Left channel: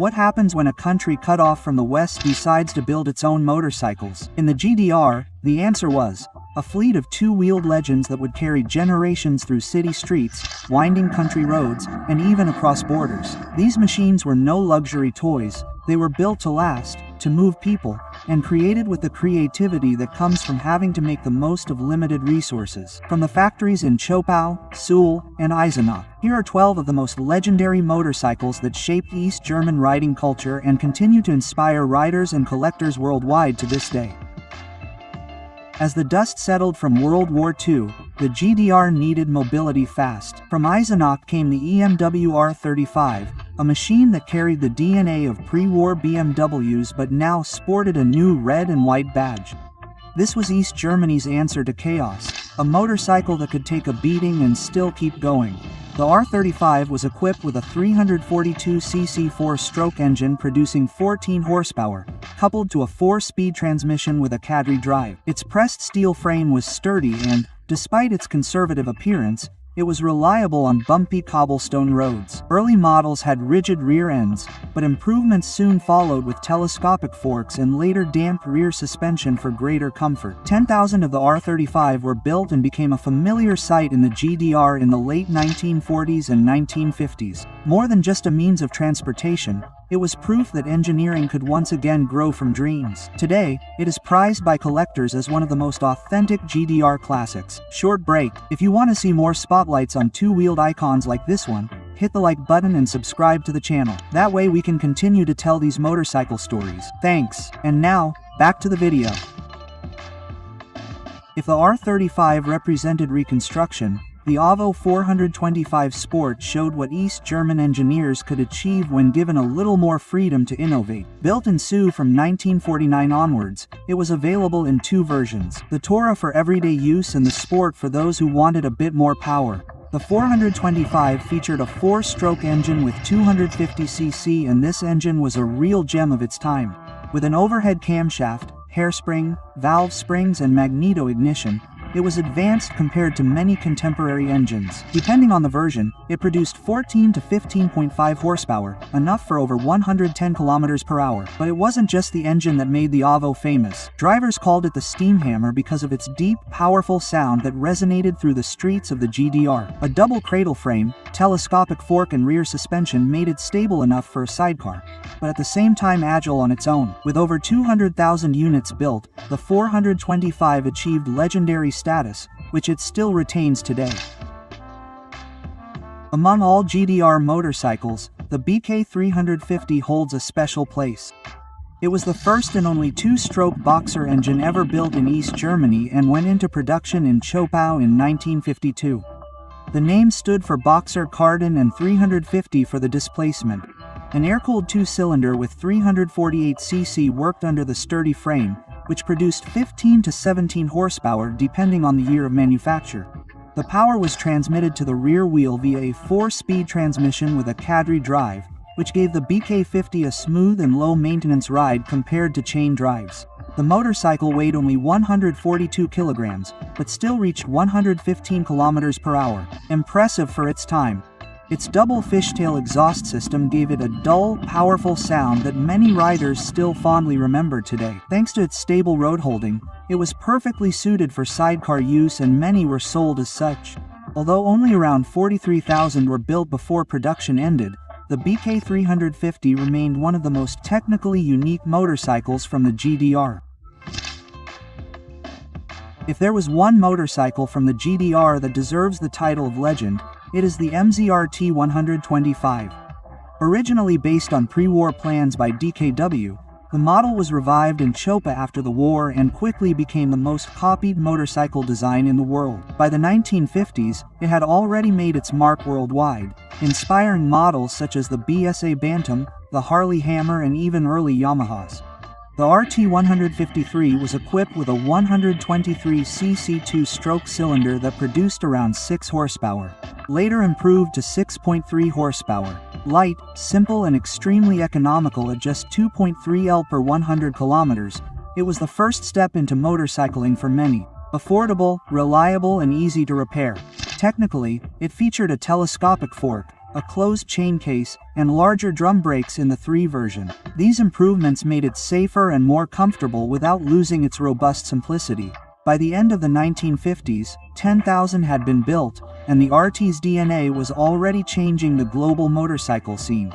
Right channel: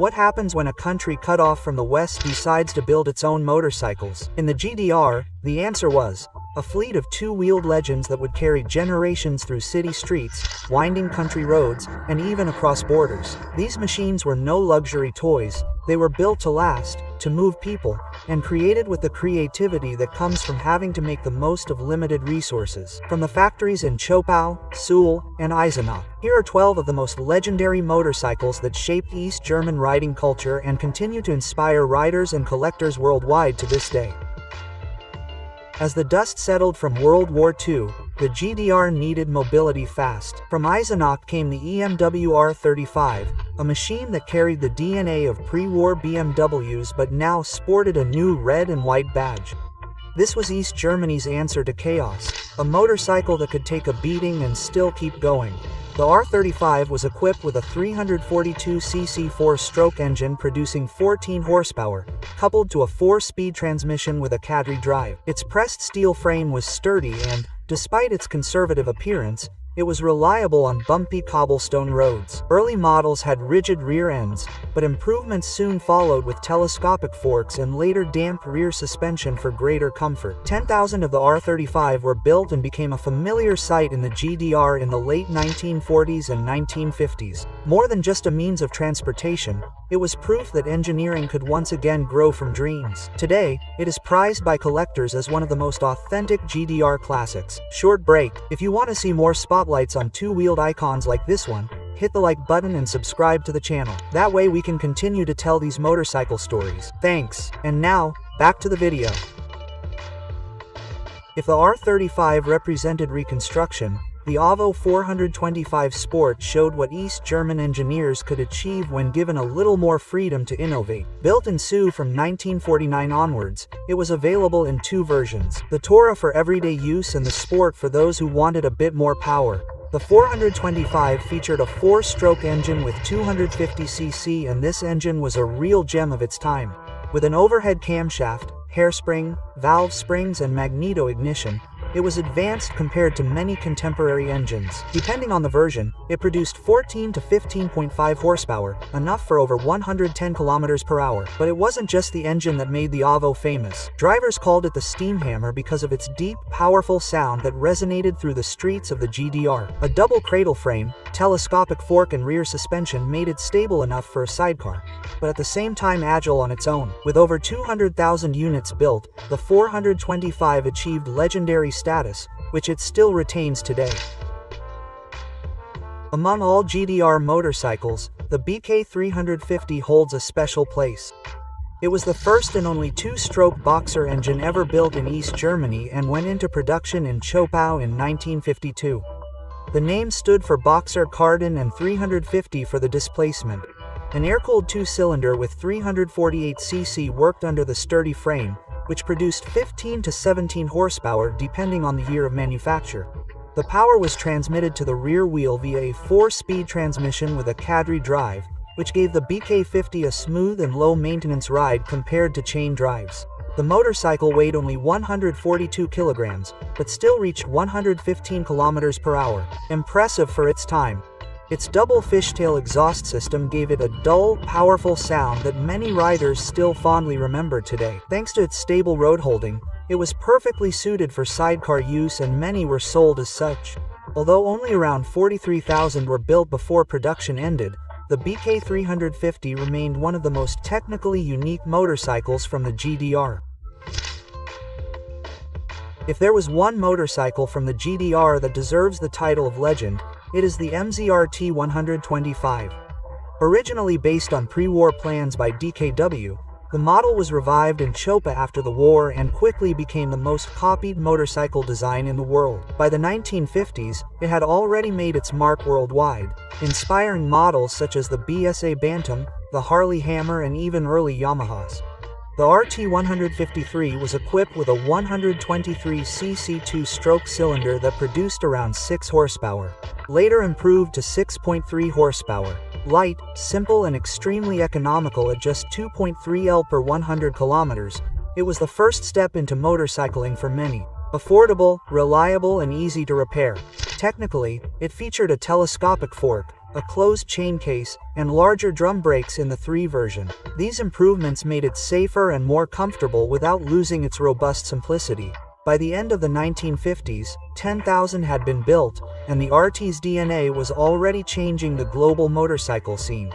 What happens when a country cut off from the West decides to build its own motorcycles? In the GDR, the answer was a fleet of two-wheeled legends that would carry generations through city streets, winding country roads, and even across borders. These machines were no luxury toys. They were built to last, to move people, and created with the creativity that comes from having to make the most of limited resources. From the factories in Zschopau, Suhl, and Eisenach, here are 12 of the most legendary motorcycles that shaped East German riding culture and continue to inspire riders and collectors worldwide to this day. As the dust settled from World War II, the GDR needed mobility fast. From Eisenach came the EMW R35, a machine that carried the DNA of pre-war BMWs but now sported a new red and white badge. This was East Germany's answer to chaos, a motorcycle that could take a beating and still keep going. The R35 was equipped with a 342cc 4-stroke engine producing 14 horsepower, coupled to a 4-speed transmission with a Cadre drive. Its pressed steel frame was sturdy and, despite its conservative appearance, it was reliable on bumpy cobblestone roads. Early models had rigid rear ends, but improvements soon followed with telescopic forks and later damp rear suspension for greater comfort. 10,000 of the R35 were built and became a familiar sight in the GDR in the late 1940s and 1950s. More than just a means of transportation, it was proof that engineering could once again grow from dreams. Today, it is prized by collectors as one of the most authentic GDR classics. Short break. If you want to see more spotlights on two-wheeled icons like this one, hit the like button and subscribe to the channel. That way we can continue to tell these motorcycle stories. Thanks. And now, back to the video. If the R35 represented reconstruction, the AVO 425 Sport showed what East German engineers could achieve when given a little more freedom to innovate. Built in SU from 1949 onwards, it was available in two versions: the Tourer for everyday use and the Sport for those who wanted a bit more power. The 425 featured a 4-stroke engine with 250cc, and this engine was a real gem of its time. With an overhead camshaft, hairspring, valve springs and magneto ignition, it was advanced compared to many contemporary engines. Depending on the version, it produced 14 to 15.5 horsepower, enough for over 110 kilometers per hour. But it wasn't just the engine that made the AVO famous. Drivers called it the steam hammer because of its deep, powerful sound that resonated through the streets of the GDR. A double cradle frame, telescopic fork and rear suspension made it stable enough for a sidecar, but at the same time agile on its own. With over 200,000 units built, the 425 achieved legendary status, which it still retains today. Among all GDR motorcycles, the BK 350 holds a special place. It was the first and only 2-stroke boxer engine ever built in East Germany and went into production in Zschopau in 1952. The name stood for Boxer Cardan and 350 for the displacement. An air-cooled 2-cylinder with 348cc worked under the sturdy frame, which produced 15 to 17 horsepower depending on the year of manufacture. The power was transmitted to the rear wheel via a 4-speed transmission with a Cadre drive, which gave the BK50 a smooth and low-maintenance ride compared to chain drives. The motorcycle weighed only 142 kilograms, but still reached 115 kilometers per hour. Impressive for its time. Its double fishtail exhaust system gave it a dull, powerful sound that many riders still fondly remember today. Thanks to its stable road holding, it was perfectly suited for sidecar use and many were sold as such. Although only around 43,000 were built before production ended, the BK 350 remained one of the most technically unique motorcycles from the GDR. If there was one motorcycle from the GDR that deserves the title of legend, it is the MZRT 125. Originally based on pre-war plans by DKW, the model was revived in Zschopau after the war and quickly became the most copied motorcycle design in the world. By the 1950s, it had already made its mark worldwide, inspiring models such as the BSA Bantam, the Harley Hammer and even early Yamahas. The RT153 was equipped with a 123cc 2-stroke cylinder that produced around 6 horsepower, later improved to 6.3 horsepower. Light, simple and extremely economical at just 2.3 L per 100 kilometers, it was the first step into motorcycling for many. Affordable, reliable and easy to repair. Technically, it featured a telescopic fork, a closed chain case, and larger drum brakes in the 3 version. These improvements made it safer and more comfortable without losing its robust simplicity. By the end of the 1950s, 10,000 had been built, and the RT's DNA was already changing the global motorcycle scene.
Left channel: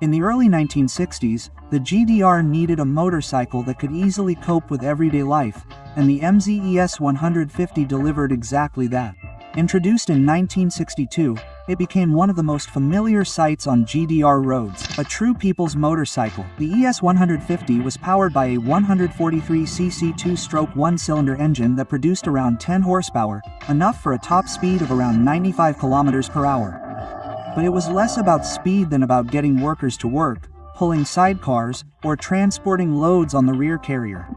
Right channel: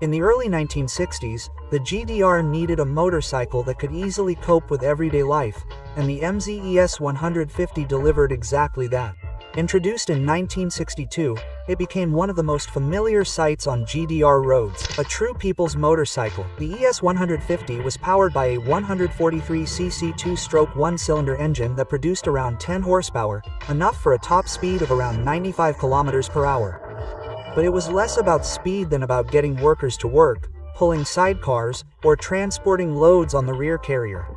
In the early 1960s, the GDR needed a motorcycle that could easily cope with everyday life, and the MZ ES 150 delivered exactly that. Introduced in 1962, it became one of the most familiar sights on GDR roads, a true people's motorcycle. The ES 150 was powered by a 143cc 2-stroke 1-cylinder engine that produced around 10 horsepower, enough for a top speed of around 95 km per hour. But it was less about speed than about getting workers to work, pulling sidecars, or transporting loads on the rear carrier.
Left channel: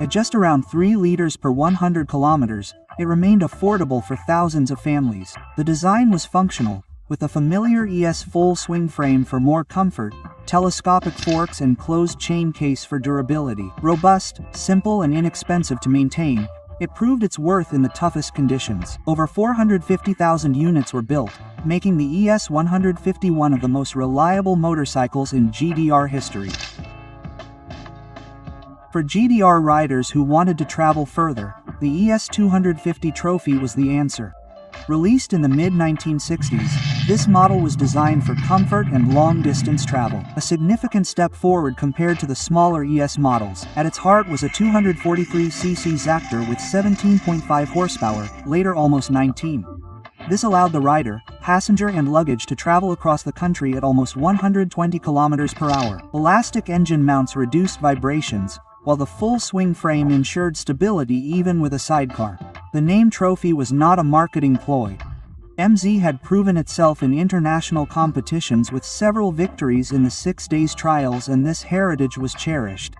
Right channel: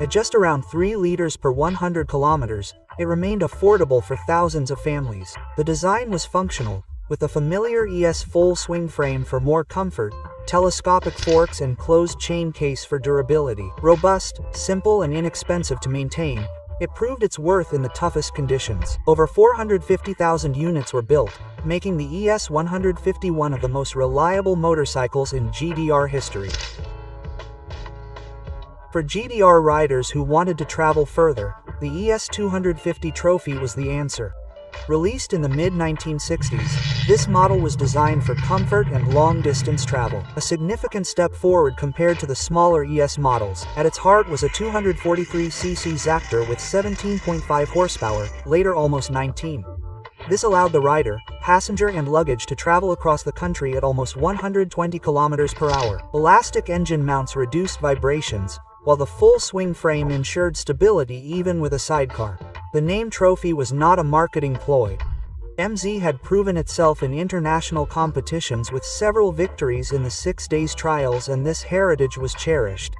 At just around 3 liters per 100 kilometers, it remained affordable for thousands of families. The design was functional, with the familiar ES full swing frame for more comfort, telescopic forks and closed chain case for durability. Robust, simple and inexpensive to maintain, it proved its worth in the toughest conditions. Over 450,000 units were built, making the ES 150 one of the most reliable motorcycles in GDR history. For GDR riders who wanted to travel further, the ES 250 Trophy was the answer. Released in the mid-1960s, this model was designed for comfort and long-distance travel, a significant step forward compared to the smaller ES models. At its heart was a 243cc Zactor with 17.5 horsepower, later almost 19. This allowed the rider, passenger and luggage to travel across the country at almost 120 km per hour. Elastic engine mounts reduced vibrations, while the full swing frame ensured stability even with a sidecar. The name Trophy was not a marketing ploy. MZ had proven itself in international competitions with several victories in the 6 days trials, and this heritage was cherished.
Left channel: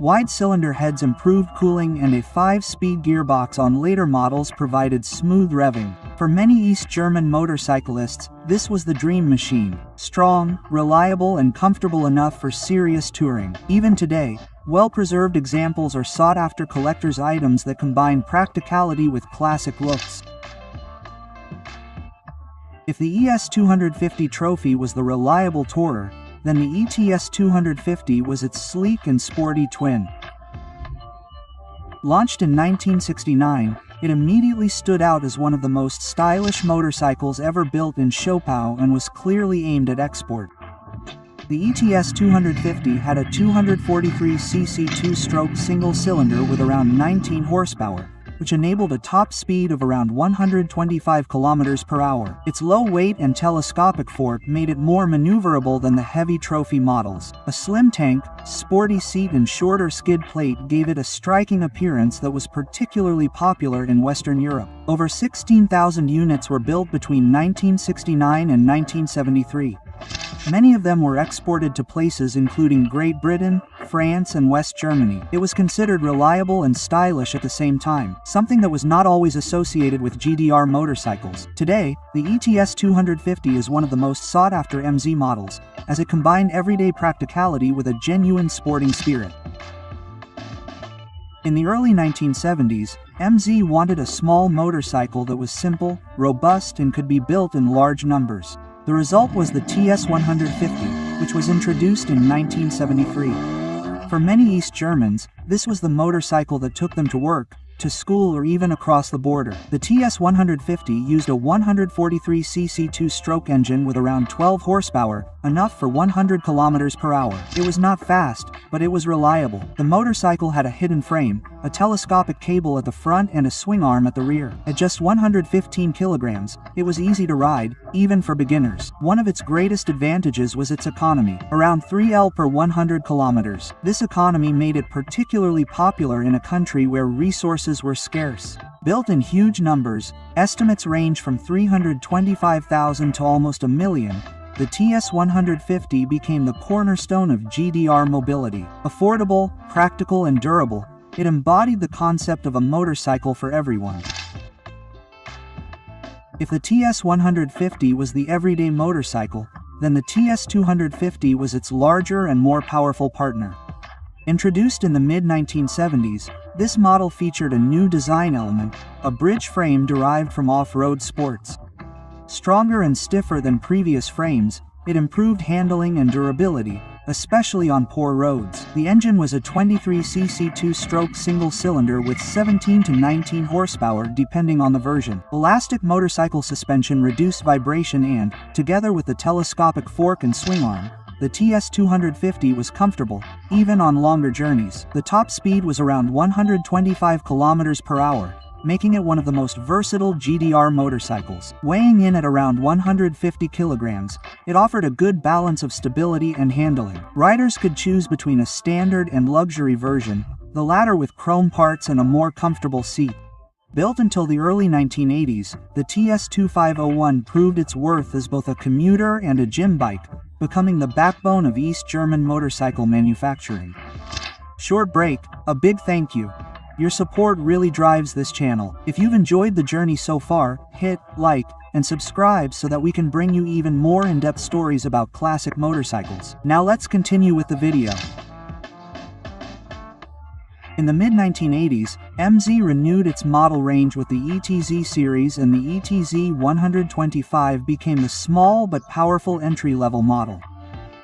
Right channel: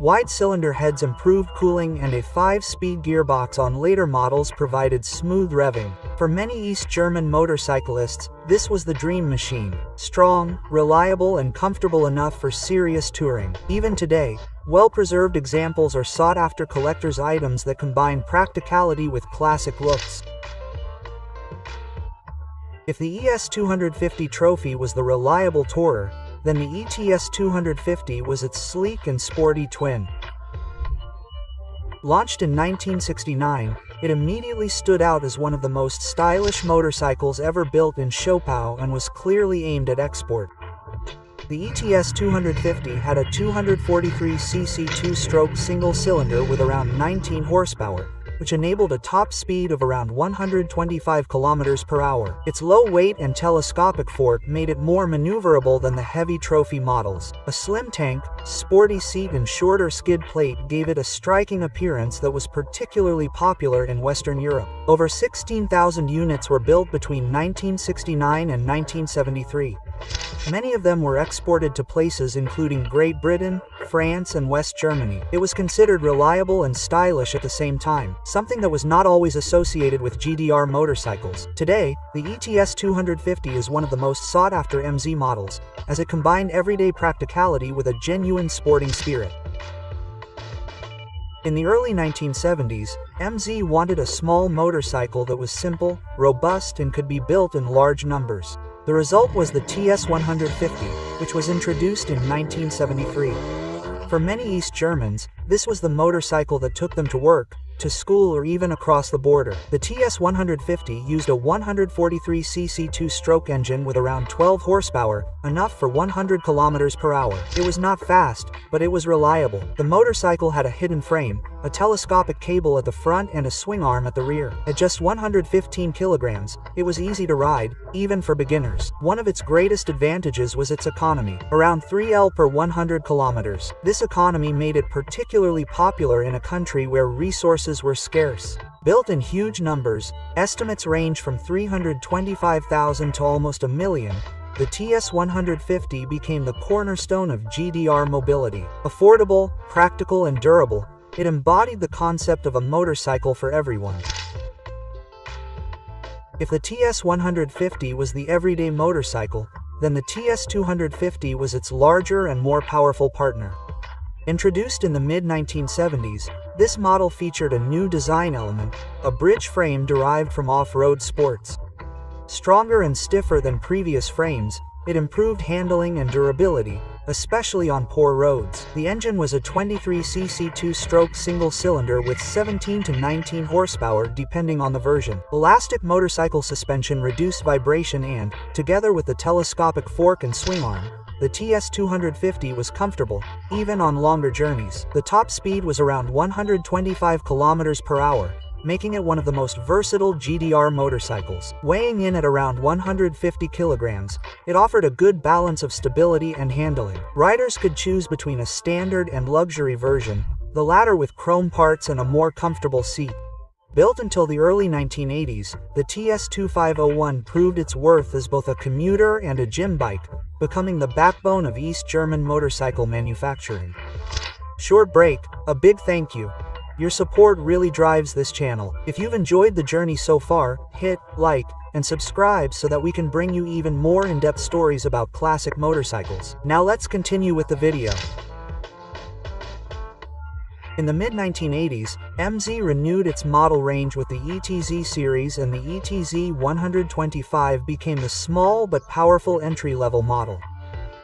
Wide cylinder heads improved cooling, and a 5-speed gearbox on later models provided smooth revving. For many East German motorcyclists, this was the dream machine. Strong, reliable and comfortable enough for serious touring. Even today, well-preserved examples are sought after collector's items that combine practicality with classic looks. If the ES 250 Trophy was the reliable tourer, then the ETS 250 was its sleek and sporty twin. Launched in 1969, it immediately stood out as one of the most stylish motorcycles ever built in Schopau and was clearly aimed at export. The ETS 250 had a 243cc 2-stroke single-cylinder with around 19 horsepower, which enabled a top speed of around 125 km per hour. Its low weight and telescopic fork made it more maneuverable than the heavy Trophy models. A slim tank, sporty seat and shorter skid plate gave it a striking appearance that was particularly popular in Western Europe. Over 16,000 units were built between 1969 and 1973. Many of them were exported to places including Great Britain, France and West Germany. It was considered reliable and stylish at the same time, something that was not always associated with GDR motorcycles. Today, the ETS 250 is one of the most sought-after MZ models, as it combined everyday practicality with a genuine sporting spirit. In the early 1970s, MZ wanted a small motorcycle that was simple, robust and could be built in large numbers. The result was the TS 150, which was introduced in 1973. For many East Germans, this was the motorcycle that took them to work, to school or even across the border. The TS 150 used a 143cc 2-stroke engine with around 12 horsepower, enough for 100 km per hour. It was not fast, but it was reliable. The motorcycle had a hidden frame, a telescopic cable at the front and a swing arm at the rear. At just 115 kilograms, it was easy to ride, even for beginners. One of its greatest advantages was its economy, around 3 L per 100 kilometers. This economy made it particularly popular in a country where resources were scarce. Built in huge numbers, estimates range from 325,000 to almost 1 million, the TS 150 became the cornerstone of GDR mobility. Affordable, practical and durable, it embodied the concept of a motorcycle for everyone. If the TS 150 was the everyday motorcycle, then the TS 250 was its larger and more powerful partner. Introduced in the mid-1970s, This model featured a new design element, a bridge frame derived from off-road sports. Stronger and stiffer than previous frames, it improved handling and durability, especially on poor roads. The engine was a 23cc two-stroke single-cylinder with 17 to 19 horsepower depending on the version. Elastic motorcycle suspension reduced vibration and, together with the telescopic fork and swing arm, the TS250 was comfortable, even on longer journeys. The top speed was around 125 km per hour, making it one of the most versatile GDR motorcycles. Weighing in at around 150 kilograms, it offered a good balance of stability and handling. Riders could choose between a standard and luxury version, the latter with chrome parts and a more comfortable seat. Built until the early 1980s, the TS2501 proved its worth as both a commuter and a gym bike, becoming the backbone of East German motorcycle manufacturing. Short break, a big thank you. Your support really drives this channel. If you've enjoyed the journey so far, hit like and subscribe so that we can bring you even more in-depth stories about classic motorcycles. Now let's continue with the video. In the mid-1980s, MZ renewed its model range with the ETZ series, and the ETZ 125 became the small but powerful entry-level model.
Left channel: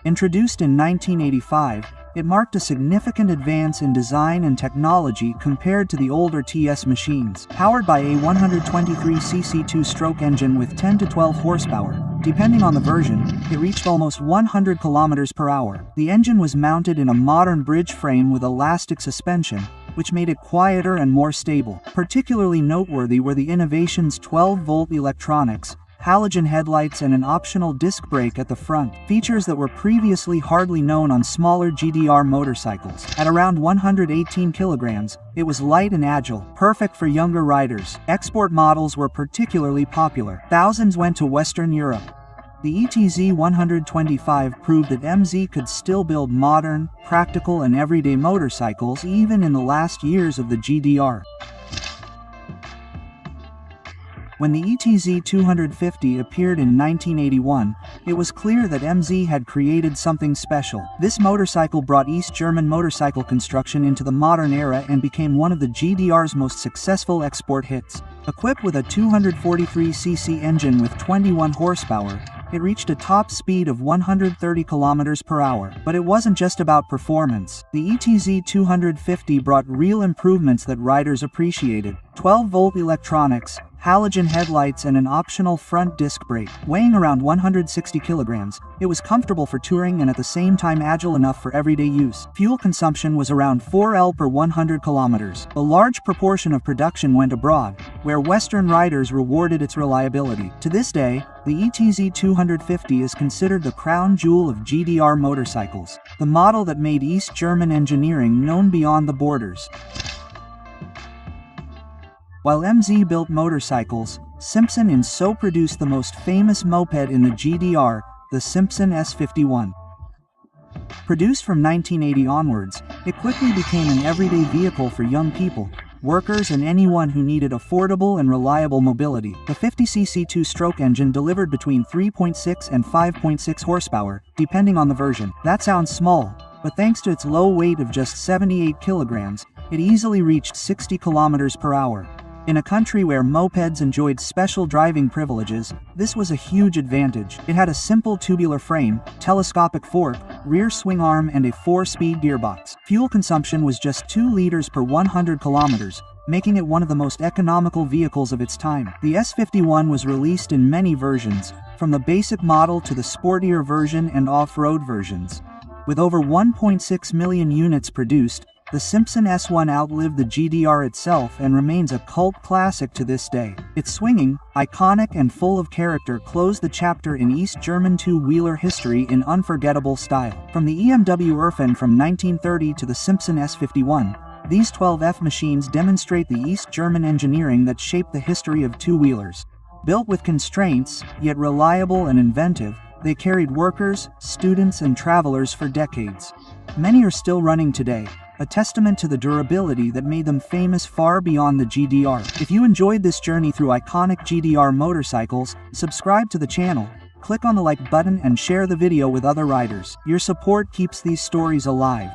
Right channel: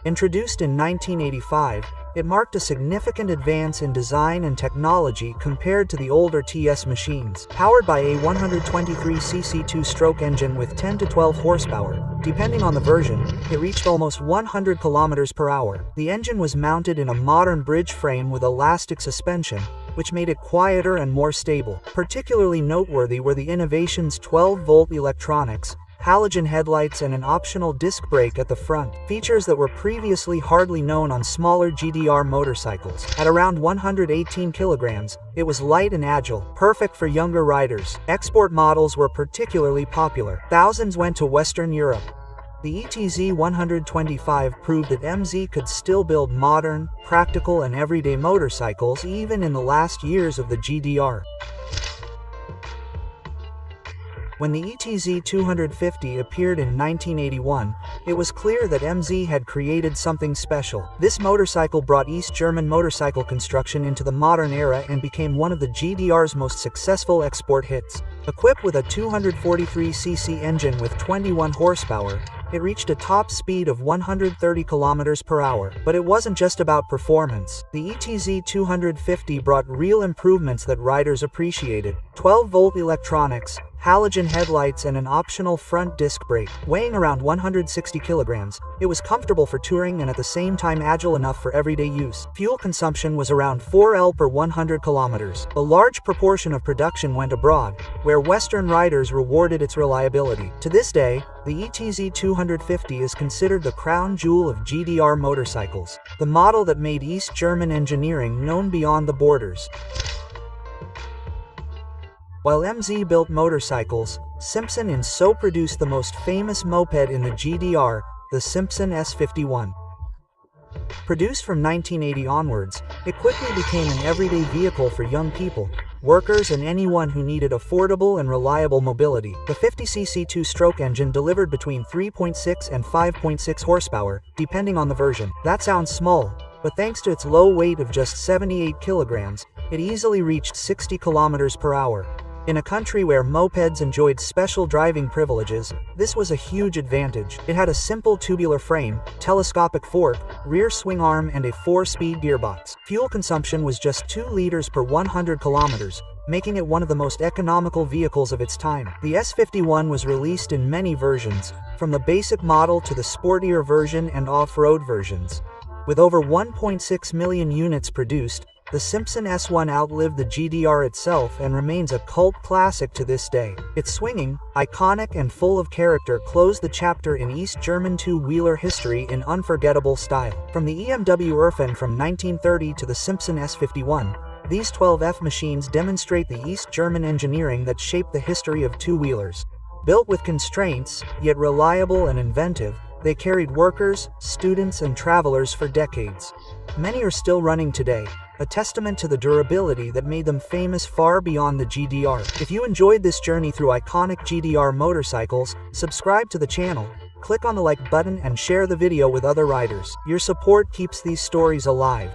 Introduced in 1985, it marked a significant advance in design and technology compared to the older TS machines. Powered by a 123cc two-stroke engine with 10 to 12 horsepower, depending on the version, it reached almost 100 km per hour. The engine was mounted in a modern bridge frame with elastic suspension, which made it quieter and more stable. Particularly noteworthy were the innovation's 12-volt electronics, halogen headlights and an optional disc brake at the front, features that were previously hardly known on smaller GDR motorcycles. At around 118 kilograms, it was light and agile, perfect for younger riders. Export models were particularly popular. Thousands went to Western Europe. The ETZ 125 proved that MZ could still build modern, practical and everyday motorcycles even in the last years of the GDR. When the ETZ 250 appeared in 1981, it was clear that MZ had created something special. This motorcycle brought East German motorcycle construction into the modern era and became one of the GDR's most successful export hits. Equipped with a 243cc engine with 21 horsepower, it reached a top speed of 130 km per hour. But it wasn't just about performance. The ETZ 250 brought real improvements that riders appreciated. 12-volt electronics, halogen headlights and an optional front disc brake. Weighing around 160 kilograms, it was comfortable for touring and at the same time agile enough for everyday use. Fuel consumption was around 4 L per 100 kilometers. A large proportion of production went abroad, where Western riders rewarded its reliability. To this day, the ETZ 250 is considered the crown jewel of GDR motorcycles, the model that made East German engineering known beyond the borders. While MZ built motorcycles, Simpson & So produced the most famous moped in the GDR, the Simpson S51. Produced from 1980 onwards, it quickly became an everyday vehicle for young people, workers and anyone who needed affordable and reliable mobility. The 50cc two-stroke engine delivered between 3.6 and 5.6 horsepower, depending on the version. That sounds small, but thanks to its low weight of just 78 kilograms, it easily reached 60 kilometers per hour. In a country where mopeds enjoyed special driving privileges, this was a huge advantage. It had a simple tubular frame, telescopic fork, rear swing arm and a 4-speed gearbox. Fuel consumption was just 2 liters per 100 kilometers, making it one of the most economical vehicles of its time. The S51 was released in many versions, from the basic model to the sportier version and off-road versions. With over 1.6 million units produced, the Simpson S1 outlived the GDR itself and remains a cult classic to this day. Its swinging, iconic and full of character closed the chapter in East German two-wheeler history in unforgettable style. From the EMW Irfen from 1930 to the Simpson S51, these 12F machines demonstrate the East German engineering that shaped the history of two-wheelers. Built with constraints, yet reliable and inventive, they carried workers, students and travelers for decades. Many are still running today, a testament to the durability that made them famous far beyond the GDR. If you enjoyed this journey through iconic GDR motorcycles, subscribe to the channel, click on the like button and share the video with other riders. Your support keeps these stories alive.